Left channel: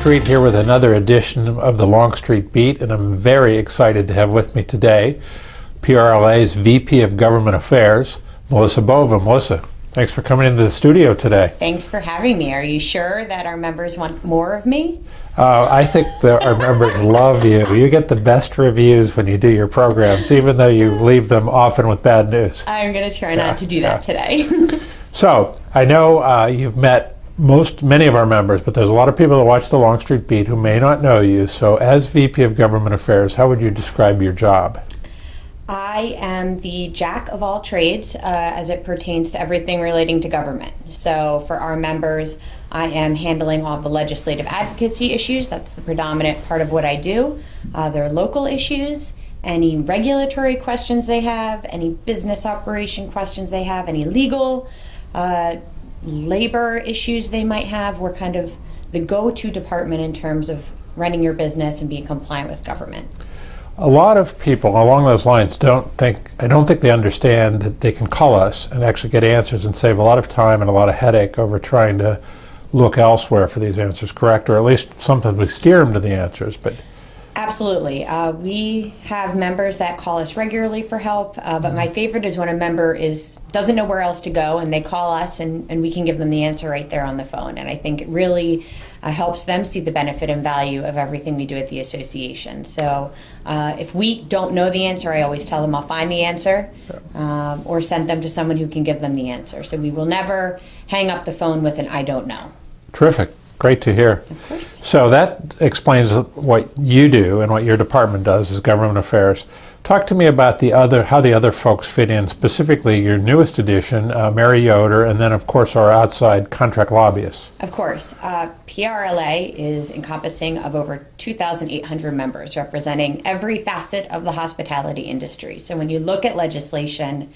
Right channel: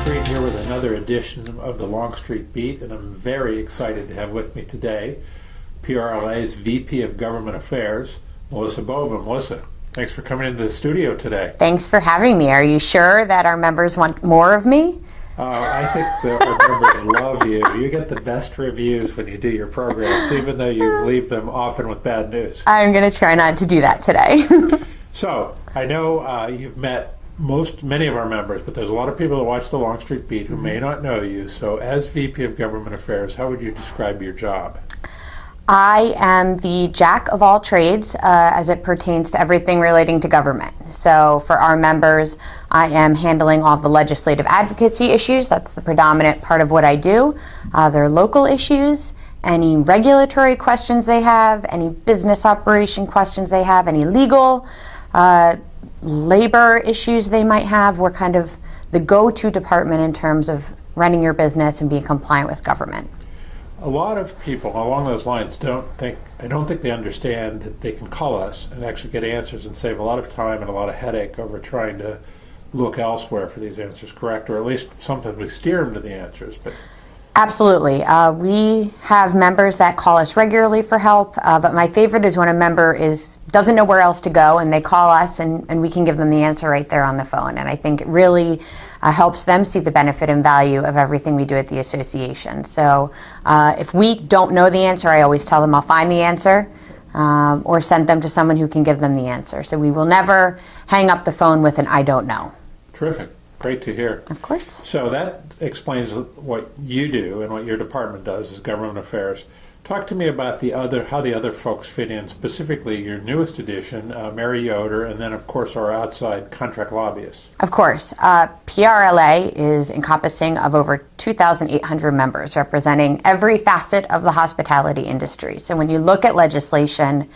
Longstreet here with another edition of the Longstreet Beat, and I'm very excited to have with me today PRLA's VP of Government Affairs, Melissa Bova. Melissa, thanks for coming into the studio today. Thanks for having me. Are you sure that our members want more of me? I think that our members love you. You get the best reviews when you do your programs, even though you leave them often with bad news. I'm going to try not to do that today. So, I know you've met many of our members, but there's a lot of people that watch the Longstreet Beat who may not know you. So as VP of Government Affairs, how would you describe your job? I am the jack of all trades as it pertains to everything relating to government. So for our members, I am handling all the legislative advocacy issues. That's the predominant part of what I do. Their local issues, any regulatory questions they have, any business operation questions they have, any legal, labor issues they might have. We're kind of the go-to department in terms of running your business and being compliant with government. A lot of people along those lines I don't think they understand that they can call us and actually get answers and save a lot of time and a lot of headache over trying to look elsewhere for these answers, correct? Or at least sometimes we steer them to the answers. But absolutely. We have members that call us regularly for help, but my favorite is when a member doesn't know where else to go and they call us and we can give them the answer right there on the phone. And I think it really helps them see the benefit and value of everything we do at the association. So if we don't know the answer, I always tell them I'll find the answer or send them to someone who can give them the answer. So we will never hang up the phone with an I don't know. Terrific. Great to hear. Of course. So that explains what you do and what your department does is government affairs. Talk to me about how the other folks fit in, specifically your newest addition, Mary Yoder, and then of course our outside contract lobbyists. Of course. PRLA is encompassing of over 2,800 members representing every facet of the hospitality industry. So when you look at legislation,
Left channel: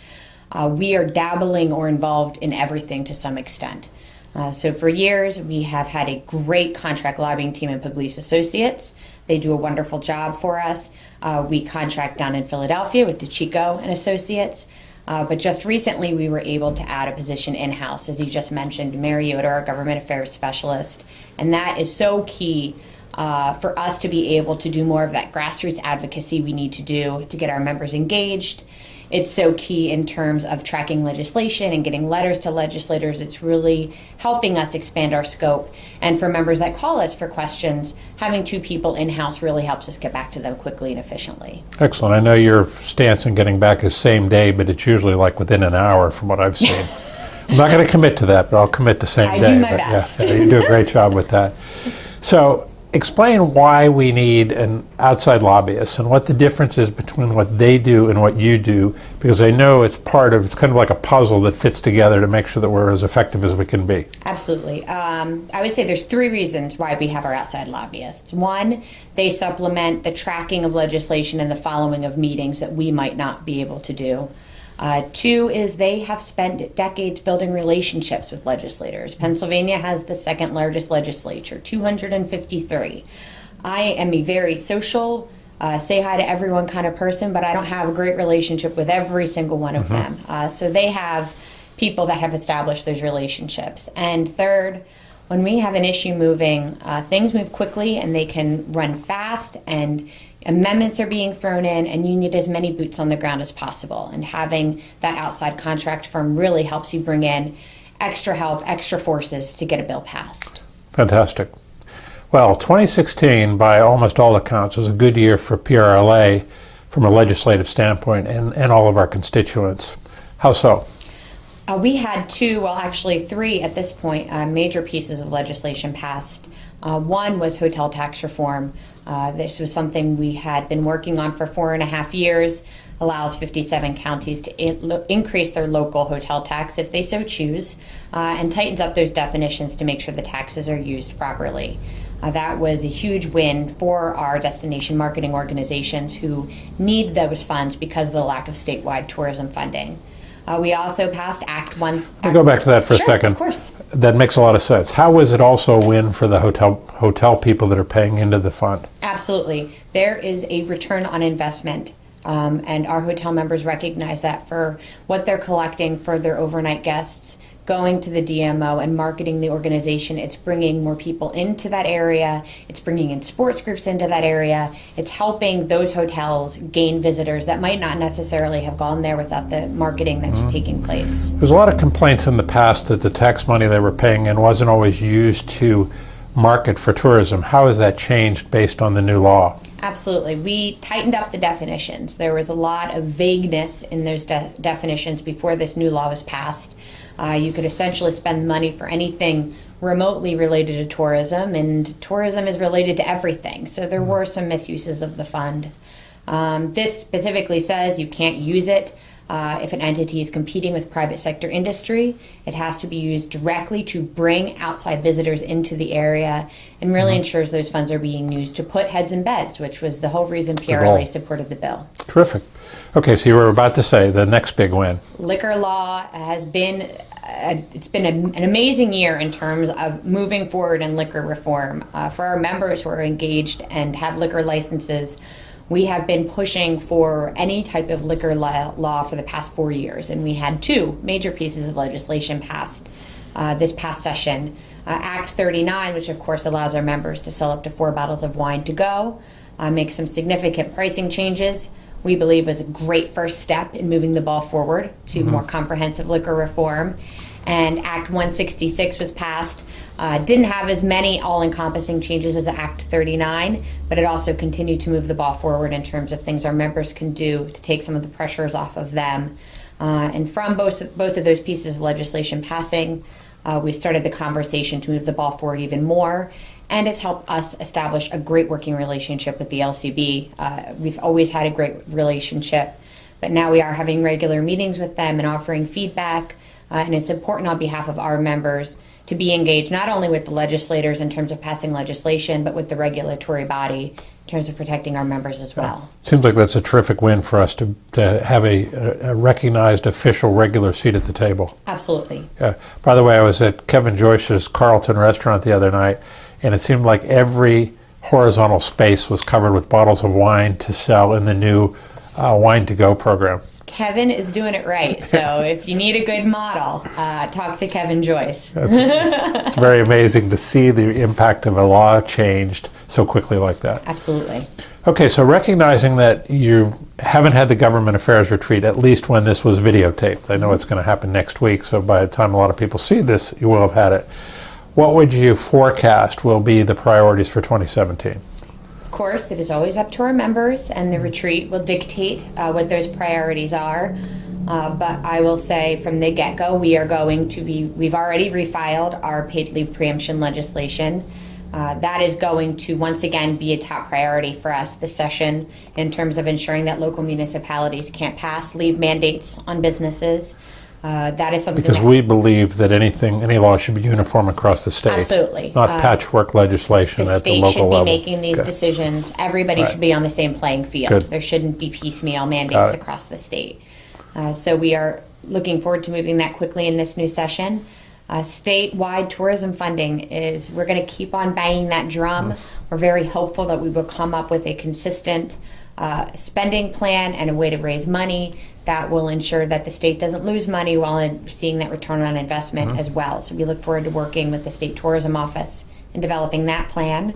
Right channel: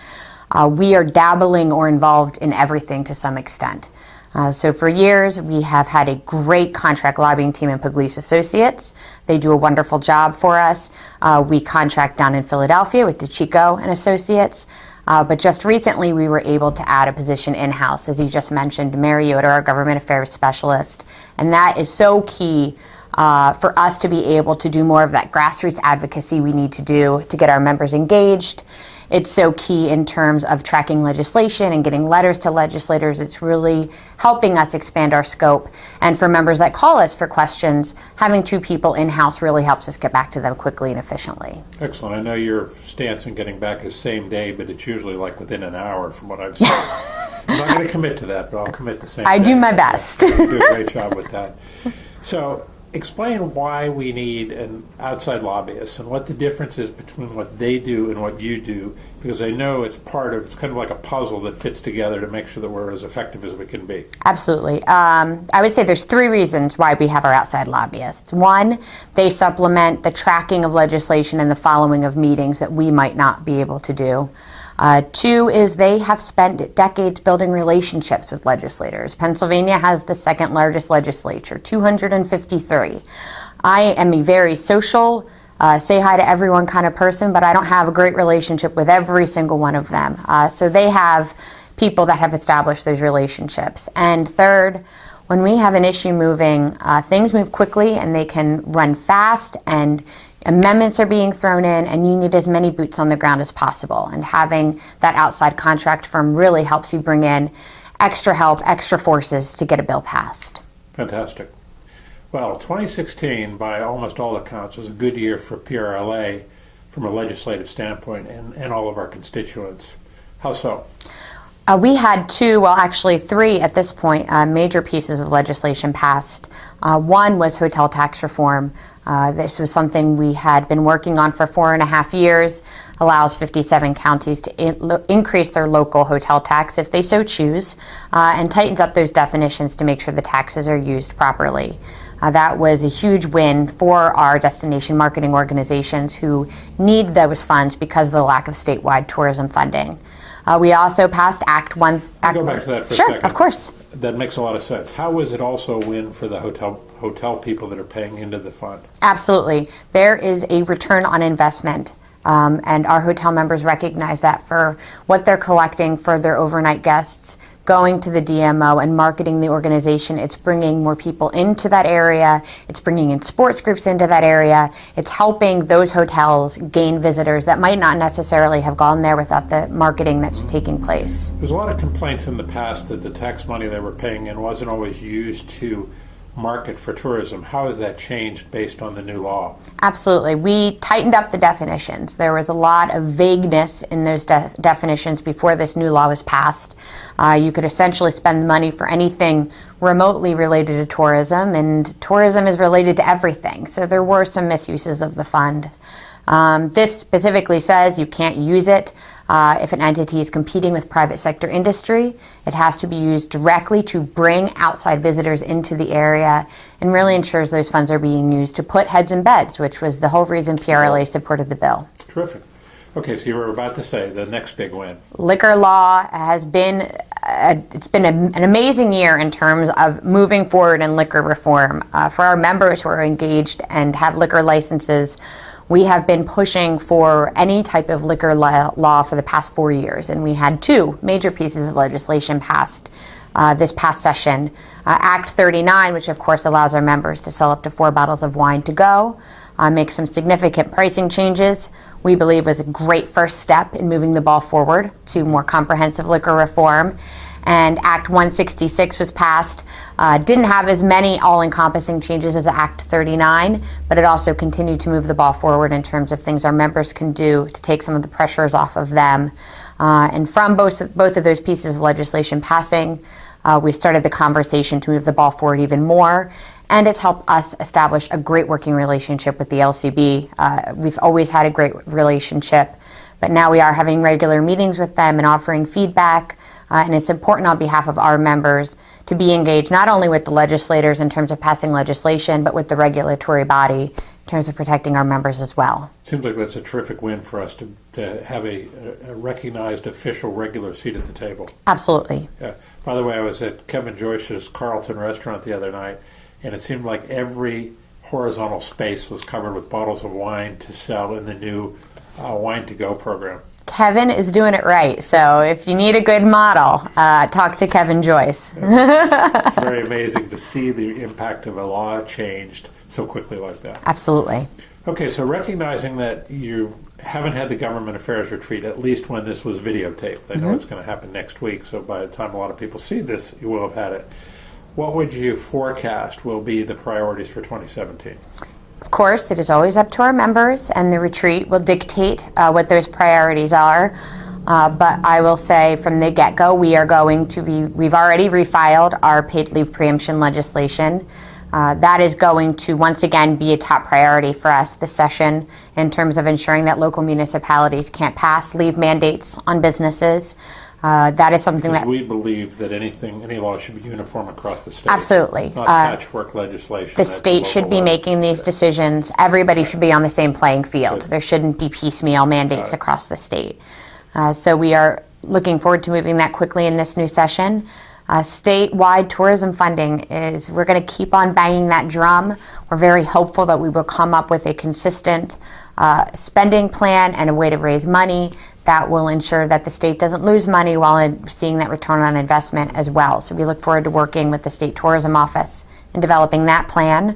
we are dabbling or involved in everything to some extent. So for years, we have had a great contract lobbying team in Pugliese Associates. They do a wonderful job for us. We contract down in Philadelphia with DeChico and Associates. But just recently, we were able to add a position in-house, as you just mentioned, Mary Yoder, our government affairs specialist. And that is so key for us to be able to do more of that grassroots advocacy we need to do to get our members engaged. It's so key in terms of tracking legislation and getting letters to legislators. It's really helping us expand our scope. And for members that call us for questions, having two people in-house really helps us get back to them quickly and efficiently. Excellent. I know your stance in getting back is same day, but it's usually like within an hour from what I've seen. I'm not going to commit to that, but I'll commit to same day. I do my best. Yeah, you do a great job with that. So explain why we need an outside lobbyist and what the difference is between what they do and what you do, because I know it's kind of like a puzzle that fits together to make sure that we're as effective as we can be. Absolutely. I would say there's three reasons why we have our outside lobbyists. One, they supplement the tracking of legislation and the following of meetings that we might not be able to do. Two is they have spent decades building relationships with legislators. Pennsylvania has the second largest legislature, 253. I am a very social, say hi to everyone kind of person, but I don't have a great relationship with every single one of them. So they have people that have established those relationships. And third, when we have an issue moving, things move quickly and they can run fast and amendments are being thrown in, and you need as many boots on the ground as possible. And having that outside contract firm really helps you bring in extra help, extra forces to get a bill passed. Fantastic. Well, 2016, by almost all accounts, was a good year for PRLA from a legislative standpoint and all of our constituents. How so? We had three at this point, major pieces of legislation passed. One was hotel tax reform. This was something we had been working on for 4.5 years, allows 57 counties to increase their local hotel tax if they so choose, and tightens up those definitions to make sure the taxes are used properly. That was a huge win for our destination marketing organizations who need those funds because of the lack of statewide tourism funding. We also passed Act 1. I'll go back to that for a second. Of course. That makes a lot of sense. How was it also a win for the hotel people that are paying into the fund? Absolutely. There is a return on investment, and our hotel members recognize that for what they're collecting for their overnight guests. going to the DMO and marketing the organization. It's bringing more people into that area. It's bringing in sports groups into that area. It's helping those hotels gain visitors that might not necessarily have gone there without the marketing that's taking place. There's a lot of complaints in the past that the tax money they were paying in wasn't always used to market for tourism. How has that changed based on the new law? Absolutely. We tightened up the definitions. There was a lot of vagueness in those definitions before this new law was passed. You could essentially spend money for anything remotely related to tourism, and tourism is related to everything. So there were some misuses of the fund. This specifically says you can't use it if an entity is competing with private sector industry. It has to be used directly to bring outside visitors into the area, and really ensures those funds are being used to put heads in beds, which was the whole reason PRLA supported the bill. Terrific. Okay, so you were about to say the next big win. Liquor law has been, it's been an amazing year in terms of moving forward in liquor reform. For our members who are engaged and have liquor licenses, we have been pushing for any type of liquor law for the past 4 years, and we had 2 major pieces of legislation passed this past session. Act 39, which of course allows our members to sell up to 4 bottles of wine to go, make some significant pricing changes. We believe was a great first step in moving the ball forward to more comprehensive liquor reform. And Act 166 was passed. Didn't have as many all-encompassing changes as Act 39, but it also continued to move the ball forward in terms of things our members can do to take some of the pressures off of them. And from both of those pieces of legislation passing, we started the conversation to move the ball forward even more. And it's helped us establish a great working relationship with the LCB. We've always had a great relationship, but now we are having regular meetings with them and offering feedback. And it's important on behalf of our members to be engaged not only with the legislators in terms of passing legislation, but with the regulatory body in terms of protecting our members as well. Seems like that's a terrific win for us to have a recognized official regular seat at the table. Absolutely. Yeah. By the way, I was at Kevin Joyce's Carlton restaurant the other night, and it seemed like every horizontal space was covered with bottles of wine to sell in the new Wine to Go program. Kevin is doing it right. So if you need a good model, talk to Kevin Joyce. It's very amazing to see the impact of a law changed so quickly like that. Absolutely. Okay, so recognizing that you haven't had the government affairs retreat, at least when this was videotaped. I know it's going to happen next week, so by the time a lot of people see this, you will have had it. What would you forecast will be the priorities for 2017? Of course, it is always up to our members, and the retreat will dictate what those priorities are. But I will say from the get-go, we've already refiled our paid leave preemption legislation. That is going to once again be a top priority for us this session in terms of ensuring that local municipalities can't pass leave mandates on businesses. That is something because we believe that any law should be uniform across the state. Absolutely. Not patchwork legislation. The state should be making these decisions. Everybody should be on the same playing field. Good. There shouldn't be piecemeal mandates across the state. So we are looking forward to moving that quickly in this new session. Statewide tourism funding we're going to keep on banging that drum. We're very hopeful that we will come up with a consistent spending plan and a way to raise money that will ensure that the state doesn't lose money while seeing that return on investment as well. So we look forward to working with the State Tourism Office in developing that plan.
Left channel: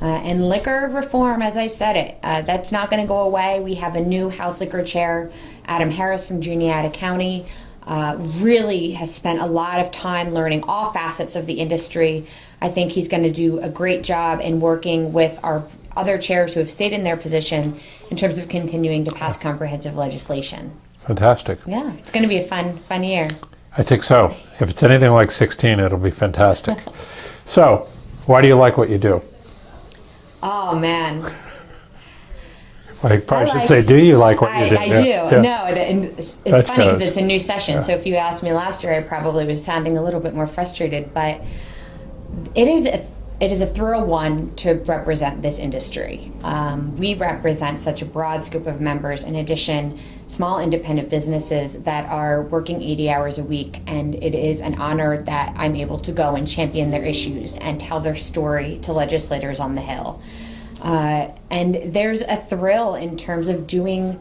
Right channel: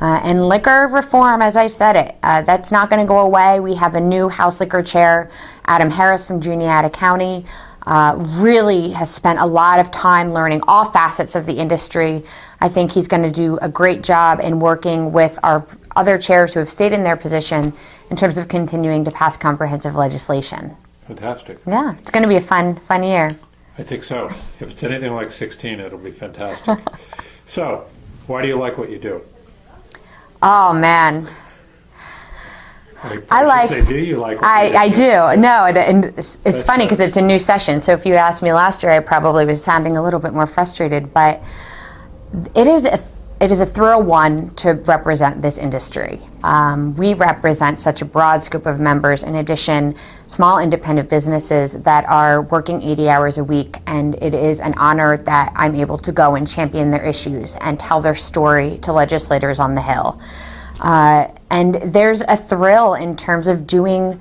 And liquor reform, as I said it, that's not going to go away. We have a new House Liquor Chair, Adam Harris from Juniata County, really has spent a lot of time learning all facets of the industry. I think he's going to do a great job in working with our other chairs who have stayed in their position in terms of continuing to pass comprehensive legislation. Fantastic. Yeah, it's going to be a fun year. I think so. If it's anything like 16, it'll be fantastic. So, why do you like what you do? Oh, man. I should say, do you like what you do? I do. Yeah. No, and it's funny because it's a new session. So if you asked me last year, I probably was sounding a little bit more frustrated. But it is a thrill, one, to represent this industry. We represent such a broad scope of members. In addition, small independent businesses that are working 80 hours a week. And it is an honor that I'm able to go and champion their issues and tell their story to legislators on the Hill. And there's a thrill in terms of doing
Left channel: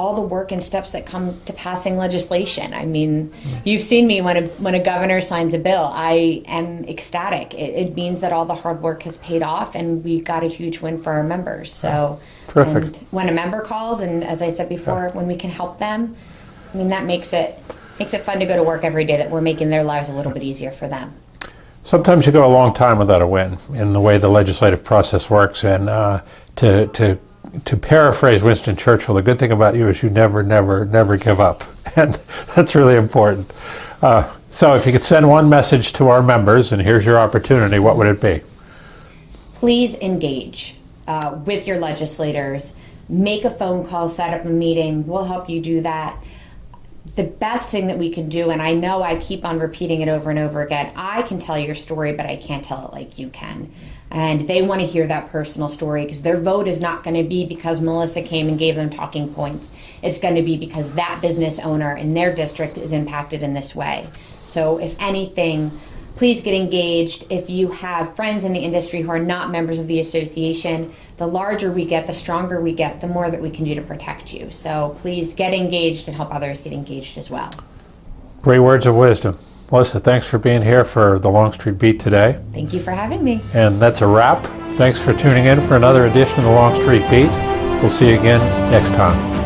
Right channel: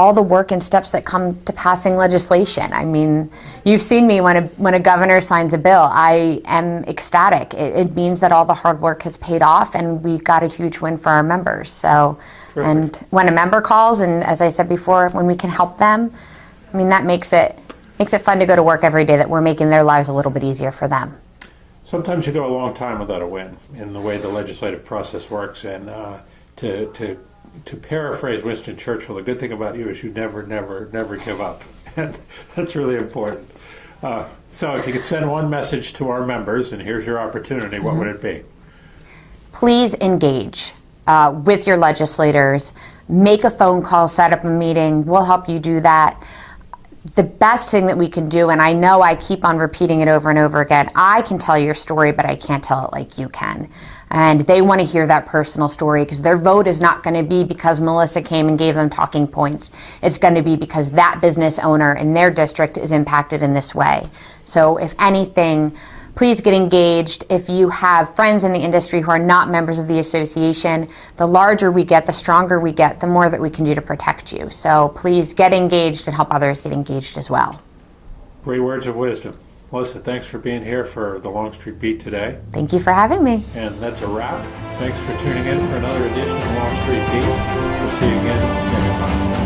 all the work and steps that come to passing legislation. I mean, you've seen me when a governor signs a bill. I am ecstatic. It means that all the hard work has paid off, and we got a huge win for our members. So, Terrific. And when a member calls, and as I said before, when we can help them, I mean, that makes it fun to go to work every day, that we're making their lives a little bit easier for them. Sometimes you go a long time without a win in the way the legislative process works, and to paraphrase Winston Churchill, the good thing about you is you never, never, never give up, and that's really important. So if you could send one message to our members, and here's your opportunity, what would it be? Please engage with your legislators. Make a phone call, set up a meeting. We'll help you do that. The best thing that we can do, and I know I keep on repeating it over and over again, I can tell your story, but I can't tell it like you can. And they want to hear that personal story, because their vote is not going to be because Melissa came and gave them talking points. It's going to be because that business owner in their district is impacted in this way. So if anything, please get engaged. If you have friends in the industry who are not members of the association, the larger we get, the stronger we get, the more that we can do to protect you. So please get engaged and help others get engaged as well. Great words of wisdom. Melissa, thanks for being here for the Longstreet Beat today. Thank you for having me. And that's a wrap. Thanks for tuning in for another edition of the Longstreet Beat. We'll see you again next time.